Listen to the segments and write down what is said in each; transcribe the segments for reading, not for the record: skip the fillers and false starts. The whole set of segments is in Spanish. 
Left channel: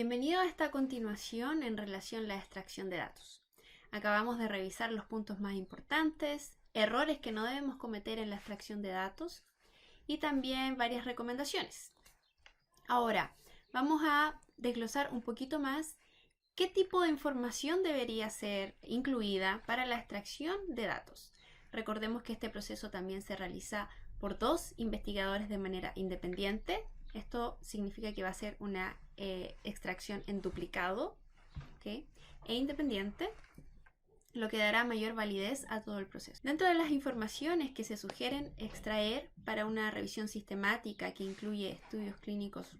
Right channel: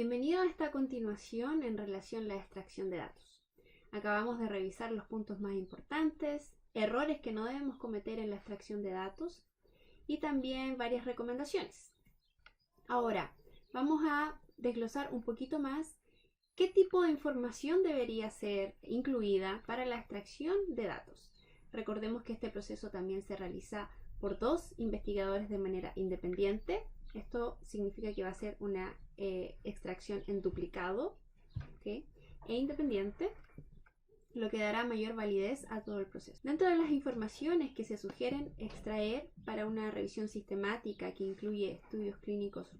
Bienvenido a esta continuación en relación a la extracción de datos. Acabamos de revisar los puntos más importantes, errores que no debemos cometer en la extracción de datos y también varias recomendaciones. Ahora, vamos a desglosar un poquito más qué tipo de información debería ser incluida para la extracción de datos. Recordemos que este proceso también se realiza por dos investigadores de manera independiente. Esto significa que va a ser una extracción en duplicado, ¿okay? E independiente, lo que dará mayor validez a todo el proceso. Dentro de las informaciones que se sugieren extraer para una revisión sistemática que incluye estudios clínicos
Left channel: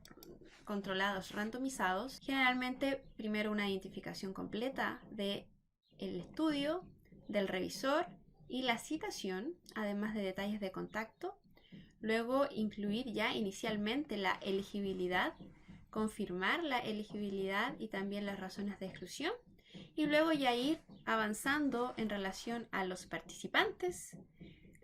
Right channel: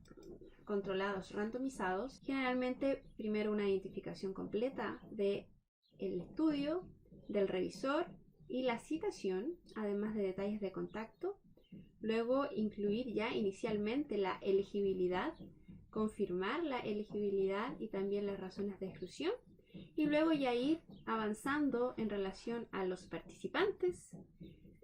controlados randomizados, generalmente primero una identificación completa del estudio, del revisor y la citación, además de detalles de contacto. Luego incluir ya inicialmente la elegibilidad, confirmar la elegibilidad y también las razones de exclusión. Y luego ya ir avanzando en relación a los participantes,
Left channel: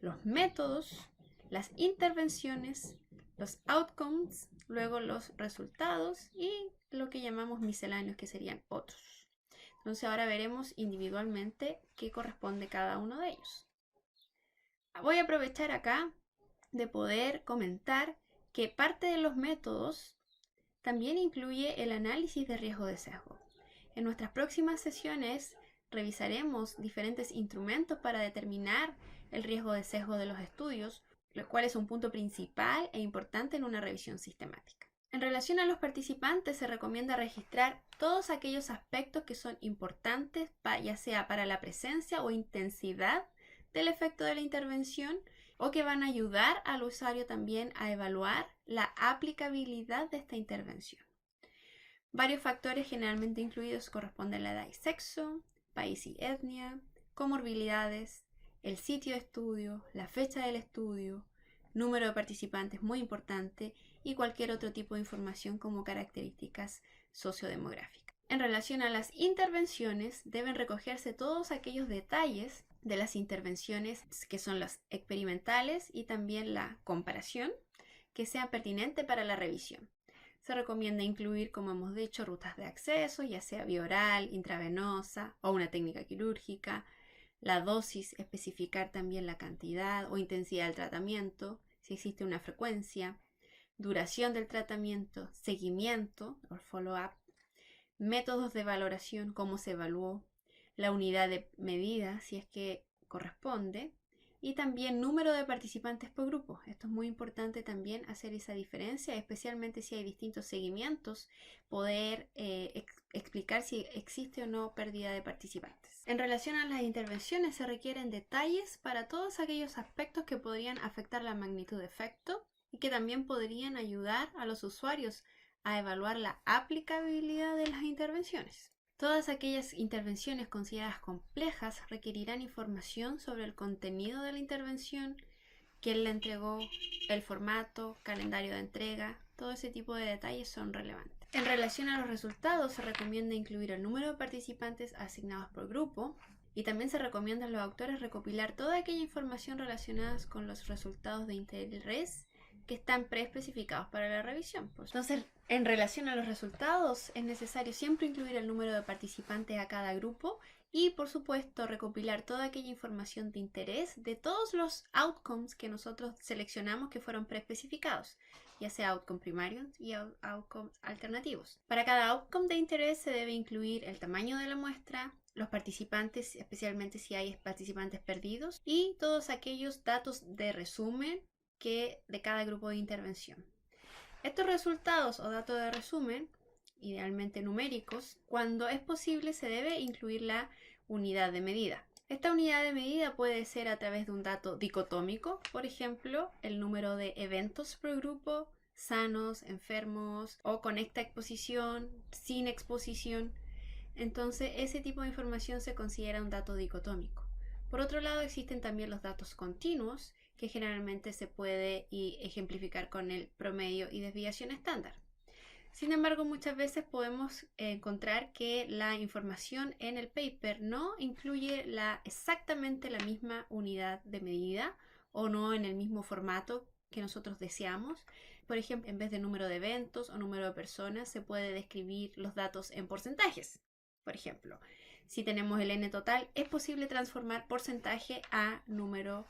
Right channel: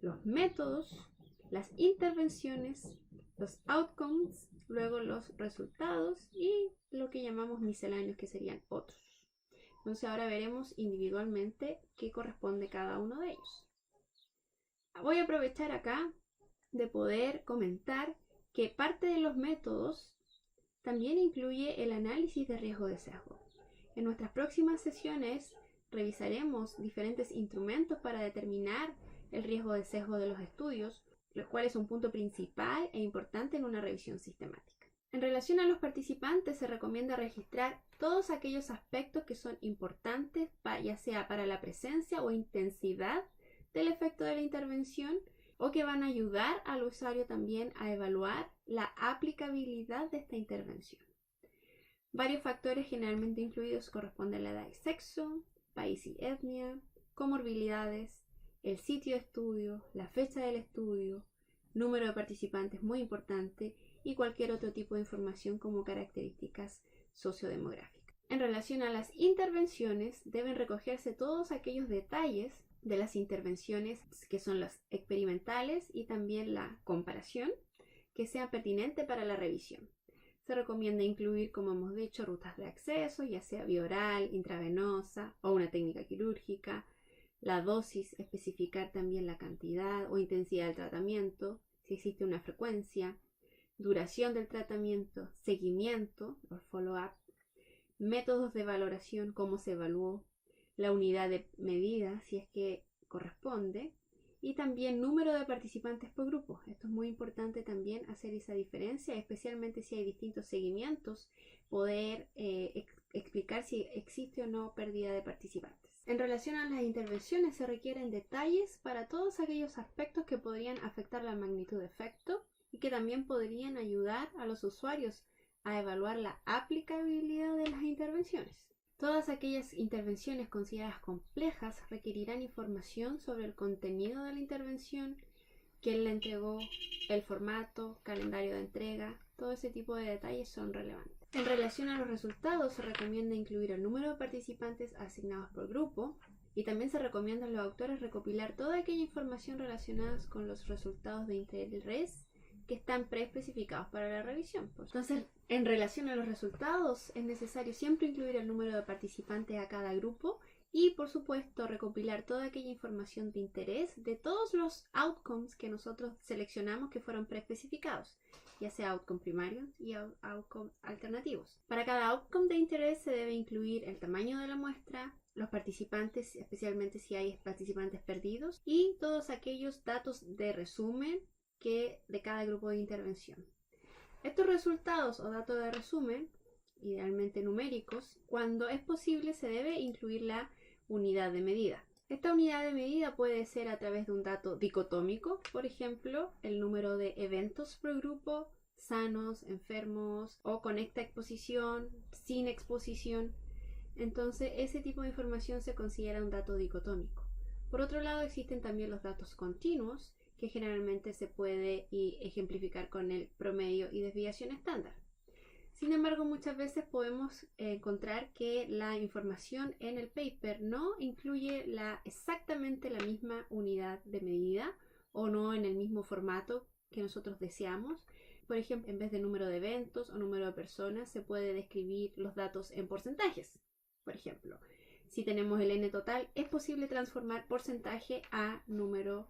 los métodos, las intervenciones, los outcomes, luego los resultados y lo que llamamos misceláneos, que serían otros. Entonces ahora veremos individualmente qué corresponde cada uno de ellos. Voy a aprovechar acá de poder comentar que parte de los métodos también incluye el análisis de riesgo de sesgo. En nuestras próximas sesiones revisaremos diferentes instrumentos para determinar el riesgo de sesgo de los estudios, lo cual es un punto principal e importante en una revisión sistemática. En relación a los participantes, se recomienda registrar todos aquellos aspectos que son importantes, ya sea para la presencia o intensidad del efecto de la intervención, o que van a ayudar al usuario también a evaluar la aplicabilidad de esta intervención. Varios factores generalmente incluidos corresponden a la edad y sexo, país y etnia, comorbilidades, el sitio de estudio, la fecha del estudio, número de participantes muy importante y cualquier otro tipo de información como características sociodemográficas. En relación a las intervenciones, deben recogerse todos aquellos detalles de las intervenciones que son las experimentales y también la comparación que sean pertinentes para la revisión. Se recomienda incluir, como hemos dicho, rutas de acceso, ya sea vía oral, intravenosa o una técnica quirúrgica, la dosis, especificar también la cantidad o intensidad del tratamiento, si existe una frecuencia, duración del tratamiento, seguimiento o follow-up, métodos de valoración, cómo se evaluó, la unidad de medida, si es que corresponde, y también número de participantes por grupo. Esto es muy importante también hacer esa diferencia, especialmente si hay distintos seguimientos, poder explicar si existe o no pérdida de participantes. En relación a las intervenciones, se requieren detalles para todos aquellos aspectos que podrían afectar la magnitud de efecto y que también podrían ayudar a los usuarios a evaluar la aplicabilidad de las intervenciones. Todas aquellas intervenciones consideradas complejas requerirán información sobre el contenido de la intervención, quién la entregó, el formato, calendario de entrega, todo ese tipo de detalles son relevantes. En relación a los resultados, se recomienda incluir el número de participantes asignados por grupo y también se recomienda a los autores recopilar toda aquella información relacionada con los resultados de interés que están preespecificados para la revisión. Entonces, en relación a los resultados, es necesario siempre incluir el número de participantes a cada grupo y, por supuesto, recopilar toda aquella información de interés de todos los outcomes que nosotros seleccionamos que fueron preespecificados, ya sea outcome primarios y outcomes alternativos. Para cada outcome de interés se debe incluir el tamaño de la muestra, los participantes, especialmente si hay participantes perdidos, y todos aquellos datos de resumen de cada grupo de intervención. Estos resultados o datos de resumen, idealmente numéricos, cuando es posible se debe incluir la unidad de medida. Esta unidad de medida puede ser a través de un dato dicotómico, por ejemplo, el número de eventos por grupo, sanos, enfermos, o con esta exposición, sin exposición. Entonces, ese tipo de información se considera un dato dicotómico. Por otro lado, existen también los datos continuos, que generalmente se puede ejemplificar con el promedio y desviación estándar. Sin embargo, muchas veces podemos encontrar que la información en el paper no incluye exactamente la misma unidad de medida o no en el mismo formato que nosotros deseamos. Por ejemplo, en vez de número de eventos o número de personas, se puede describir los datos en porcentajes. Por ejemplo, si tenemos el n total, es posible transformar porcentaje a número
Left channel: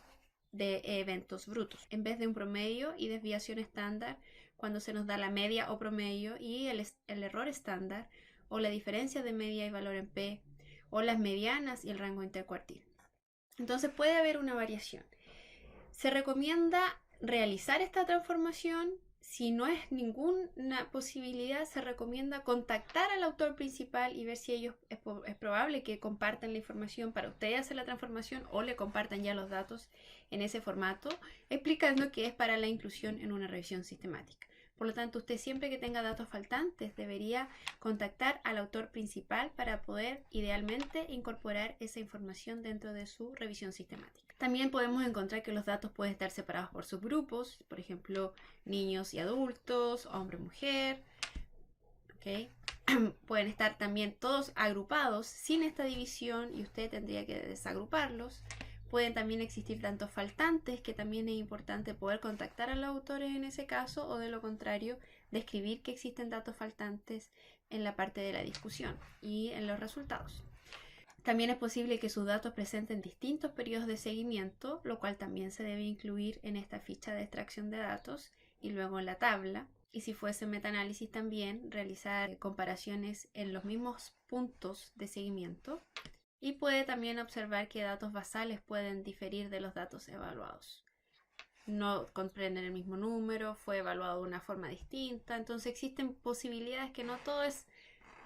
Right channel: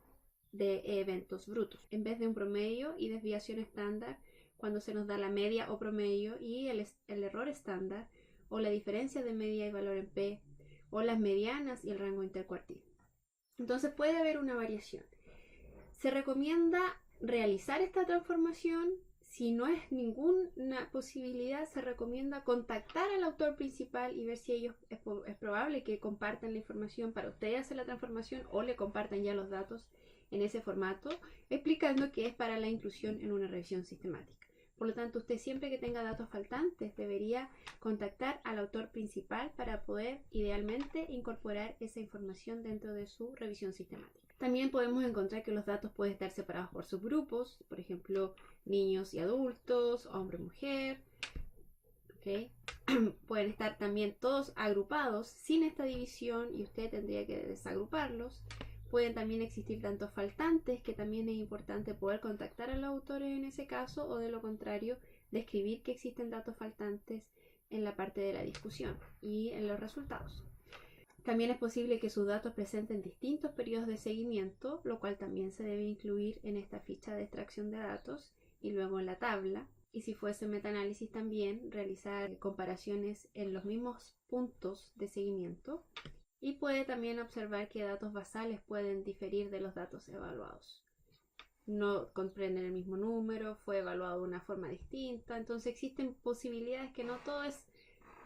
de eventos brutos. En vez de un promedio y desviación estándar, cuando se nos da la media o promedio y el error estándar, o la diferencia de media y valor en P, o las medianas y el rango intercuartil. Entonces puede haber una variación. Se recomienda realizar esta transformación. Si no es ninguna posibilidad, se recomienda contactar al autor principal y ver si ellos es probable que compartan la información para ustedes hacer la transformación o le compartan ya los datos en ese formato, explicando que es para la inclusión en una revisión sistemática. Por lo tanto, usted siempre que tenga datos faltantes debería contactar al autor principal para poder idealmente incorporar esa información dentro de su revisión sistemática. También podemos encontrar que los datos pueden estar separados por subgrupos, por ejemplo, niños y adultos, hombre y mujer. ¿Okay? Pueden estar también todos agrupados sin esta división y usted tendría que desagruparlos. Pueden también existir tantos faltantes, que también es importante poder contactar a los autores en ese caso, o de lo contrario, describir que existen datos faltantes en la parte de la discusión y en los resultados. También es posible que sus datos presenten distintos periodos de seguimiento, lo cual también se debe incluir en esta ficha de extracción de datos y luego en la tabla. Y si fuese metaanálisis también, realizar comparaciones en los mismos puntos de seguimiento. Y puede también observar que datos basales pueden diferir de los datos evaluados. No comprenden el mismo número, fue evaluado de una forma distinta. Entonces existen posibilidades que no todo es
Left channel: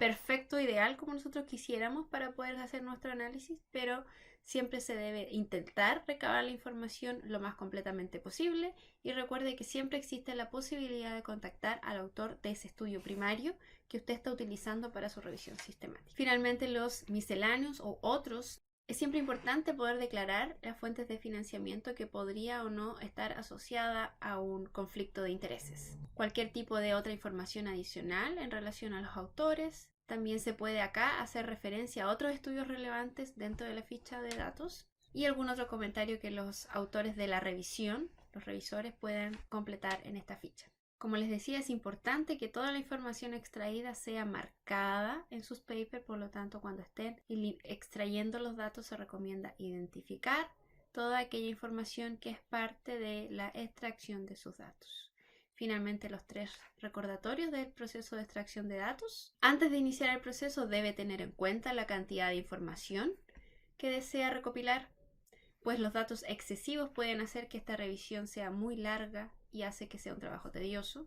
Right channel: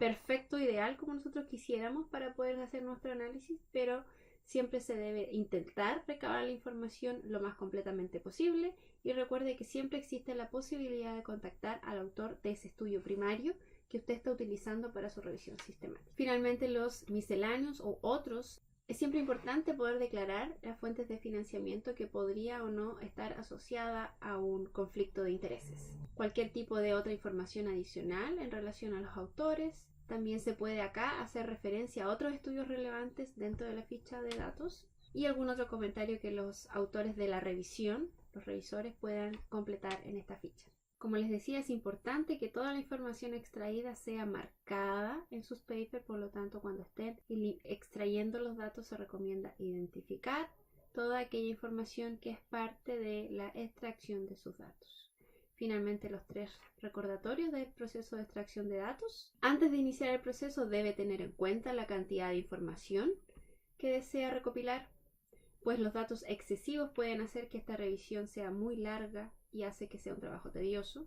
perfecto, ideal como nosotros quisiéramos para poder hacer nuestro análisis, pero siempre se debe intentar recabar la información lo más completamente posible y recuerde que siempre existe la posibilidad de contactar al autor de ese estudio primario que usted está utilizando para su revisión sistemática. Finalmente, los misceláneos o otros. Es siempre importante poder declarar las fuentes de financiamiento que podría o no estar asociada a un conflicto de intereses. Cualquier tipo de otra información adicional en relación a los autores. También se puede acá hacer referencia a otros estudios relevantes dentro de la ficha de datos y algún otro comentario que los autores de la revisión, los revisores, puedan completar en esta ficha. Como les decía, es importante que toda la información extraída sea marcada en sus papers, por lo tanto, cuando estén extrayendo los datos se recomienda identificar toda aquella información que es parte de la extracción de sus datos. Finalmente, los 3 recordatorios del proceso de extracción de datos. Antes de iniciar el proceso, debe tener en cuenta la cantidad de información que desea recopilar, pues los datos excesivos pueden hacer que esta revisión sea muy larga y hace que sea un trabajo tedioso.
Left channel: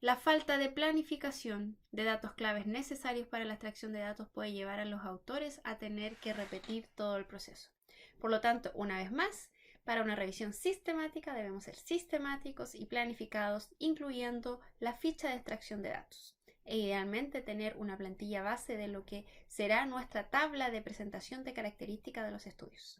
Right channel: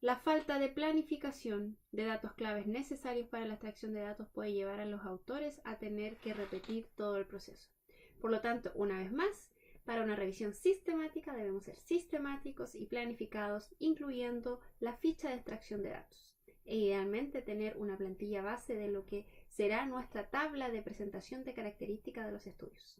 La falta de planificación de datos claves necesarios para la extracción de datos puede llevar a los autores a tener que repetir todo el proceso. Por lo tanto, una vez más, para una revisión sistemática debemos ser sistemáticos y planificados, incluyendo la ficha de extracción de datos. E idealmente tener una plantilla base de lo que será nuestra tabla de presentación de características de los estudios.